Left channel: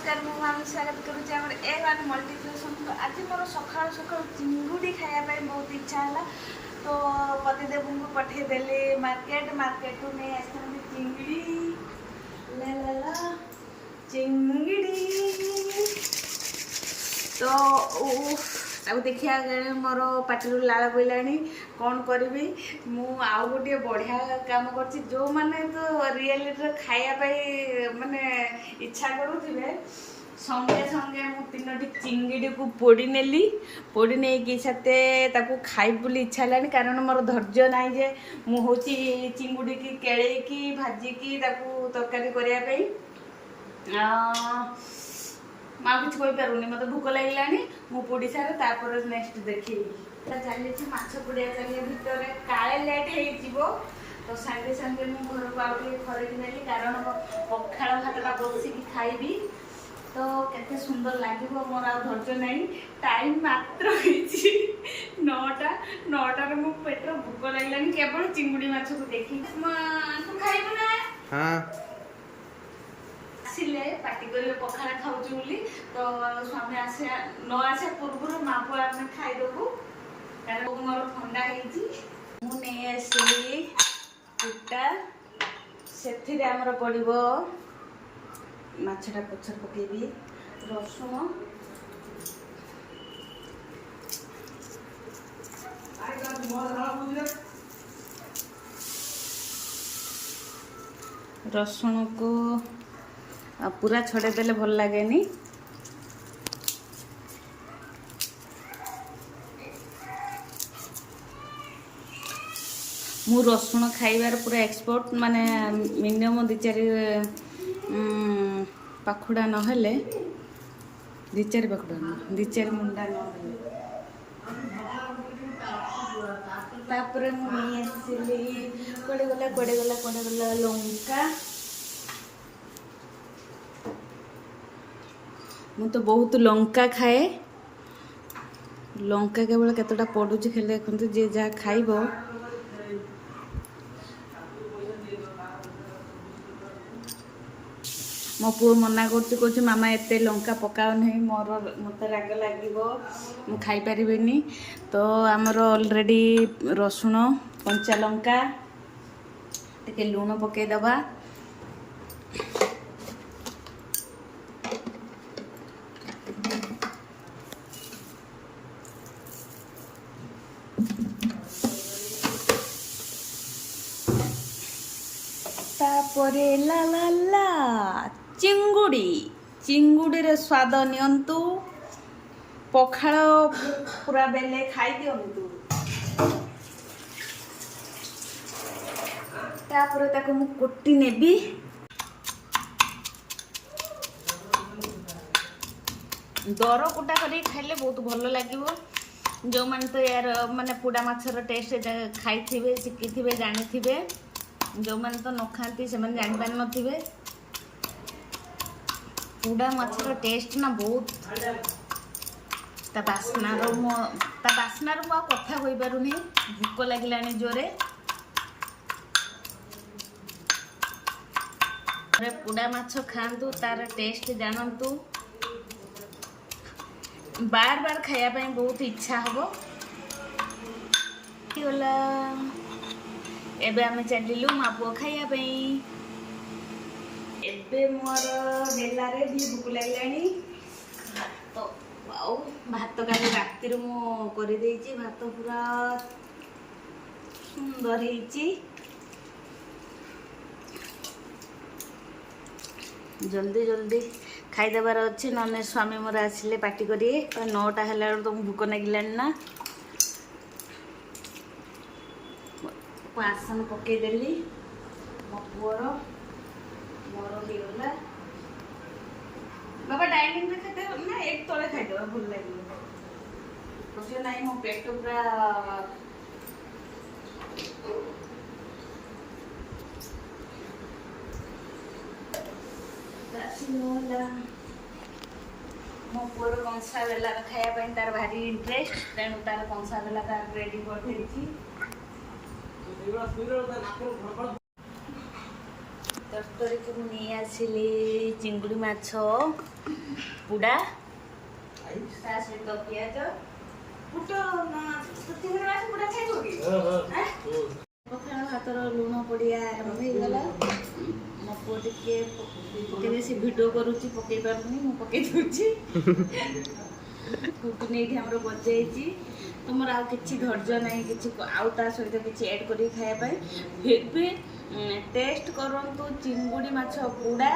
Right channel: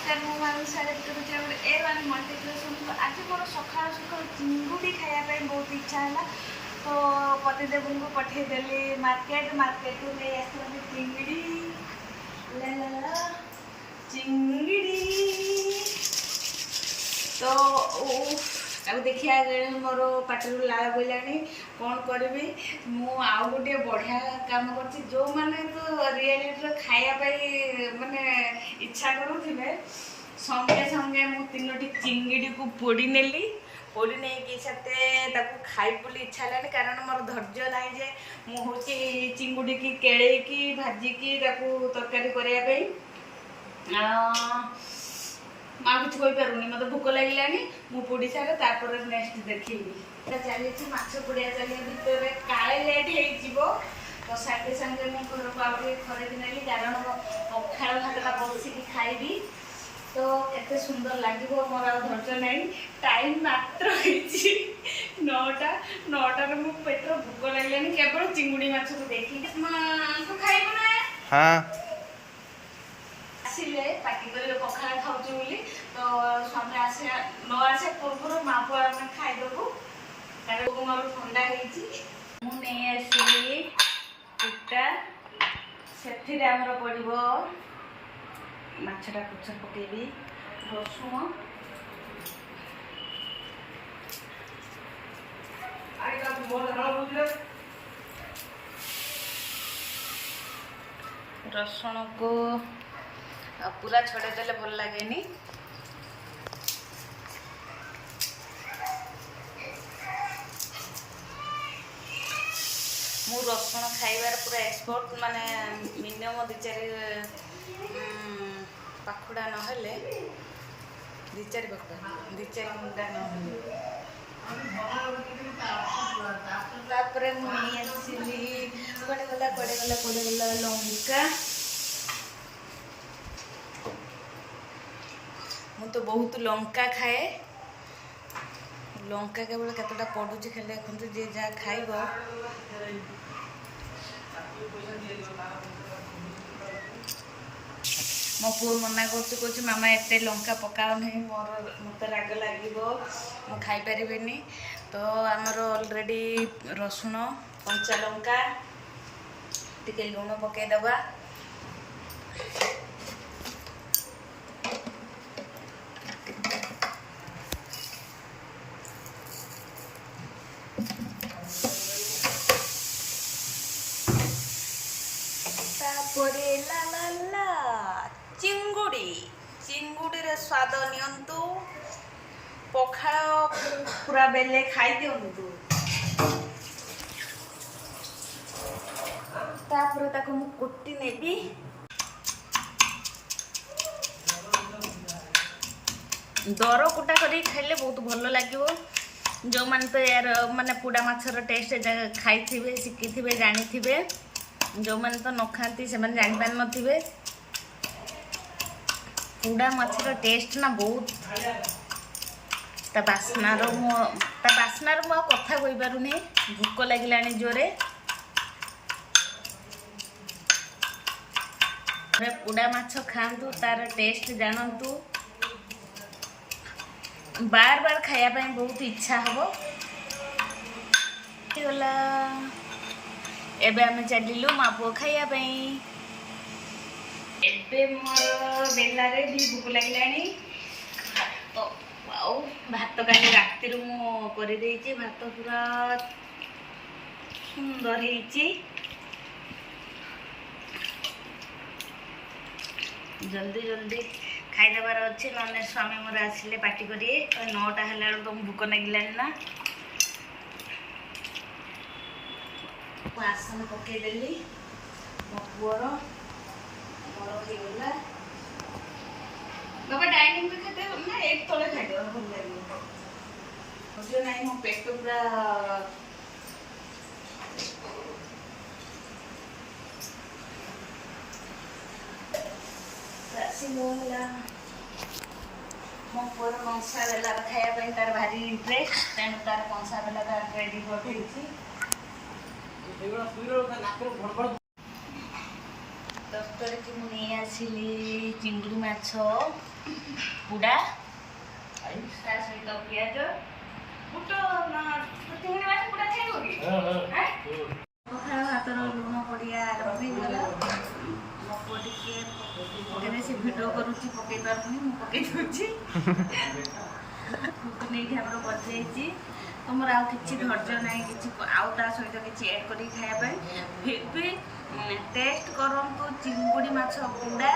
नमस्कार मु स्वागत करुँच A1 मल्टीप्लेक्स। तो आज मोर सका सका चिंगुड़ी खायापी बहुत इच्छा है। तो पतिदेव को पठेदेली मार्केट को नहीं आसते चिंगड़ी चिंगड़ी। तो देखिया मोर पाटी लाल बोला कौन करी मु आउ गोटे बढ़िया काम कर जो मैंने तो रियलिटी खायापी माने इच्छा करुवे संगे संगे मु तीनोटी चिंगड़ी को पोड़ी नेली पोड़ी नहीं से खाई बोली इच्छा है कारण मोर धैर्य ना जे मु हूँ चिंगुड़ी की केड़े की भाजिकी तरकारी करने माँ कुछ पारूनी मत भोक लगे मु पोड़ी सारे तापर नेक्स्ट देखी चली माछ पोड़िया चलिए भितर काले लेट हो तो सागे सागे मुझे घर को आगे खरीद नेली कारण पखाड़ भातटा बसिकी खाइबी तो केते सुंदर लगे मोर आ धैर्य ना टाइम मात्र नौटा मो पेट भोक लगे केवल चिंगुड़ी माछ को देखी तू खाइबू ना हाँ आसिले पार्टी कर पखाड़ खाऊँ बोली तो स्वामी आसे न आसे पूर्व माँ पुआ आम खाईदेबू कारण मोर ठंडा मुझे आसली कुटा से आमर पड़ो माछटा पछर पकेबी रसुण रसुण को पूरा छड़े देले भल लगे मु रसुण खाइबार पूरा एक्सपर्ट माने मिनिमम 2-4 पाखुड़ा नहले 2-4 पाखुड़ा 2-4 मुंडा नहले तापर मुझे आसली पड़ेगला लंका मु तो बहुत लंका खाए लंका केवल केतटा पड़ुची खाली देखते जे जहाँ खाइब मो पुओ मना कर मामा एते लंका पकाओ नहीं मोर मत राग लगे मु खाई पारिनी तो आमर ऑलरेडी रसुण कंचा लंका टिके लुण पकईदबा तापरे ला ला ला चिंगुड़ी चिंगुड़ी रे स्वाद नियंतु पखाड़ पूरा बेले खाई दिंतु तापर ताको मु कुटी नेबी दर कुटा कर खाइले बहुत भल लगे जो मैंने तो यार माने पुड़ा माछर टेस्ट खाई शिखी जानी जो मैंने तो न खाती से जापार नथिबे पुड़ा माछर टेस्ट ना बहुत ता बास्नार मु कथा कही पारुनी भोक लगे जोरे पुड़ा माछ खातु तार टेस्ट जानतु बार बार खायापी बहुत इच्छा हम गला एबे आमे चलिलु माँ पुओ खायापी एबे मोर बेलारे भी भोक लगे तो आउ भात काली राति मु कर भात पूरा सुंदर जल्दी जल्दी खाईदेबार अच्छी ना स्वामी मोर आसिले पार्टी करिए 9टा है तो भोक लगिलानी ना आसन पकईदेली मो पुअर मोर होगा बाबा डाइनिंग में खाते ना एक तले खाईद भल लगे ना मो पेट पूरा मो पुअर कंसा बेला खायापी तार भारी इंटरेस्ट तेणु तार कंसा बेला रेडी कर तो କରିକି ମୁଁ ନେଇ ଆସିଲି ଚିଙ୍ଗୁଡ଼ି ମାଛ ପୋଡ଼ା ତା ସହିତ ପିଆଜ ବୁଟ ଚିଙ୍ଗୁଡ଼ି ମାଛ ପୋଡ଼ା ଖାଇବ କି? ପଖାଳ ଭାତର ଲୁଣ ପଡ଼ିଆ ଆରମ୍ଭ ହେଇଗଲା। ମୋ ପୁଅ ଟିକେ ପକେଇଲେ ସେ ଭିଡ଼ିଓ କରୁଛି, ପକେଇ ପାରୁନି, ମୁଁ ପକେଇ ଦେଉଛି। କୁକୁନି ଏଇଠି ଆମର ବଜାଇଛି। ତୁମର ଆଉ କିଛି ଧୈର୍ଯ୍ୟ ନାହିଁ କିଛି ଆଉ ତା ସହିତ କିଛି ଆଡ଼୍ କରିକି ଖାଇବା ପାଇଁ। ଏବେ ଟେଷ୍ଟ କରନ୍ତୁ ଚିଙ୍ଗୁଡ଼ି ମାଛ ପୋଡ଼ା।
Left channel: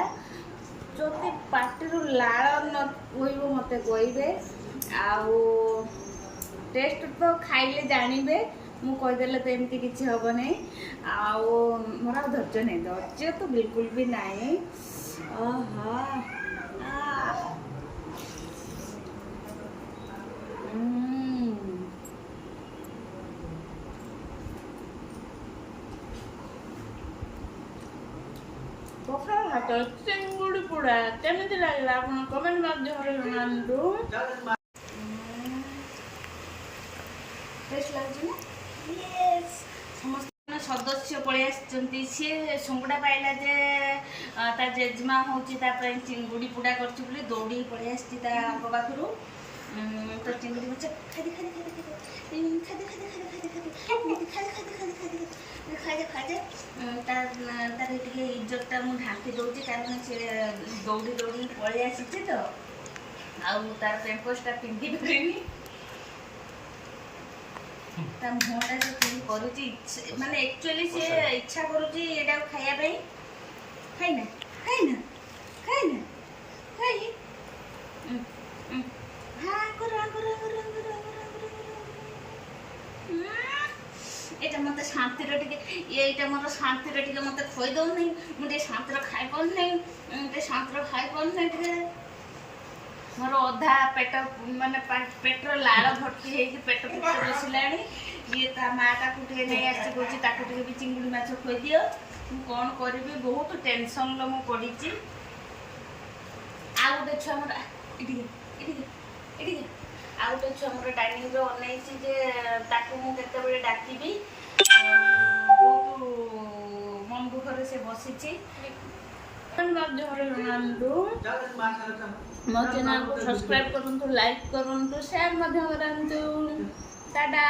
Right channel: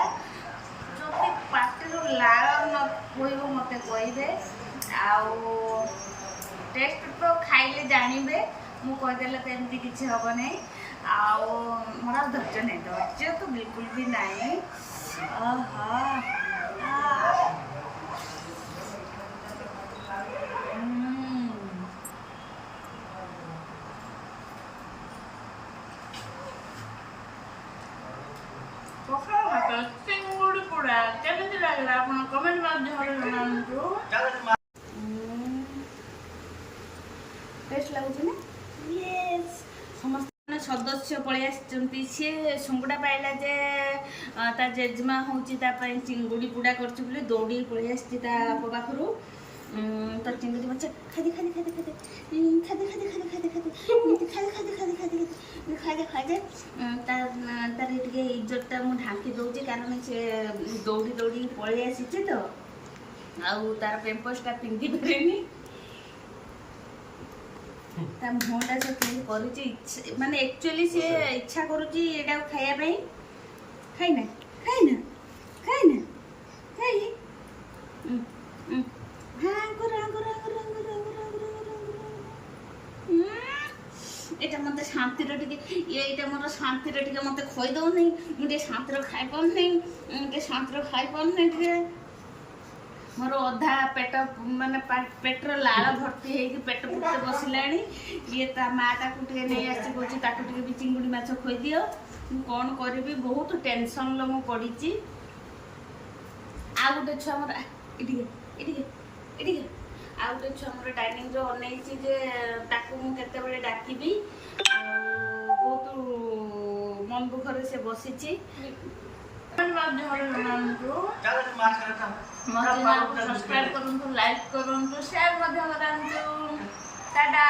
ଯଦି ପାଟିରୁ ଲାଳ ନ ବୋହିବ ମୋତେ କହିବେ। ଆଉ ଟେଷ୍ଟ ତ ଖାଇଲେ ଜାଣିବେ, ମୁଁ କହିଦେଲେ ତ ଏମିତି କିଛି ହେବ ନାହିଁ। ଆଉ ମୋର ଆଉ ଧୈର୍ଯ୍ୟ ନାହିଁ, ଧୈର୍ଯ୍ୟ ତ ବିଲକୁଲ ବି ନାହିଁ। ପଖାଳ ଭାତ ଚିଙ୍ଗୁଡ଼ି ପୋଡ଼ା କେମିତି ଲାଗିଲା ଆପଣ କମେଣ୍ଟ ମାଧ୍ୟମରେ ଜଣାନ୍ତୁ। ଟେଷ୍ଟ ଲାଗୁଛି ନା? ସମସ୍ତେ ସଦସ୍ୟ ପଳେଇ ଆସିଛନ୍ତି। ସିଏ ସଙ୍ଗୁଡ଼ା ପାଇଲା ଯେ ତା ଜେଜେମା ହେଉଛି ତା ପାଇଁ ଚିଙ୍ଗୁଡ଼ି ପୋଡ଼ା କରୁଛି ବୋଲି ଦୌଡ଼ିକି ପଳେଇ ଆସିଛି ତା ବାପ ପାଖରୁ। ତ ଚିଙ୍ଗୁଡ଼ି ମାଛ ଖାଇଦେ ତାର ଟିକେ ଇଜ୍ଜତଟା ମୁଁ ଢାଙ୍କି ଦେଉଛି, କାରଣ ସେ ଦୌଡ଼ିକି ପଳେଇ ଆସିଛି ତ, ଆଉ ତାର ପେମ୍ପର୍ସଟା ପିନ୍ଧି ପାରିନି। ତା ମୁହଁଟା ସେ କେମିତି କରୁଛି, ମାନେ ଆକ୍ଚୁଆଲି ସେ ଇଚ୍ଛା କରୁଛି ଏଇଟାକୁ ଖାଇବା ପାଇଁ। ଖାଇନା ଏଇଟା ମତେ ଶାନ୍ତିରେ ଟିକେ ଏଇଟା ମୋର ଶାନ୍ତିରେ ଟିକେ ମତେ ଖୋଇ ଦଉନି। ମୁଁ ଟିକେ ଶାନ୍ତିରେ ଖାଇପାରୁନି, ଟିକେ ମୋର ଅଧା ପେଟ ମାନେ ପେଟର ଲାଳ ଭର୍ତ୍ତି ହେଇକି ପେଟ ପୁଟେ ବସିଲାଣି। ଇଏ ତା ମା ତାକୁ ଟିକେ ନେଇ ଆସି କହୁଛି ତାକୁ ଟିକେ ବି ଚିଙ୍ଗୁଡ଼ି ମାଛ ଖୋଇଦିଅ। ମୁଁ କ'ଣ କରିବି, ବହୁତ ଟେନସନ୍ରେ ମୁଁ ପଡ଼ିଛି। ଆଉ ଗୋଟେ ଛୁଆ ଆମର ଏଠିକି ଆଉ ଗୋଟେ ଛୁଆ ଆମର ଡାଇନିଂରେ ଅନେଇଛି ଯେ ତାକୁ ମୁଁ କେତେବେଳେ ଡାକିବି। ବହୁତ ମନ ଦୁଃଖରେ ସେ ବସିଛି। ମୋ ଚ୍ୟାନେଲକୁ ସବସ୍କ୍ରାଇବ୍ କରନ୍ତୁ, ଲାଇକ୍ କରନ୍ତୁ, ସେୟାର ମଧ୍ୟ କରନ୍ତୁ। ଟାଟା।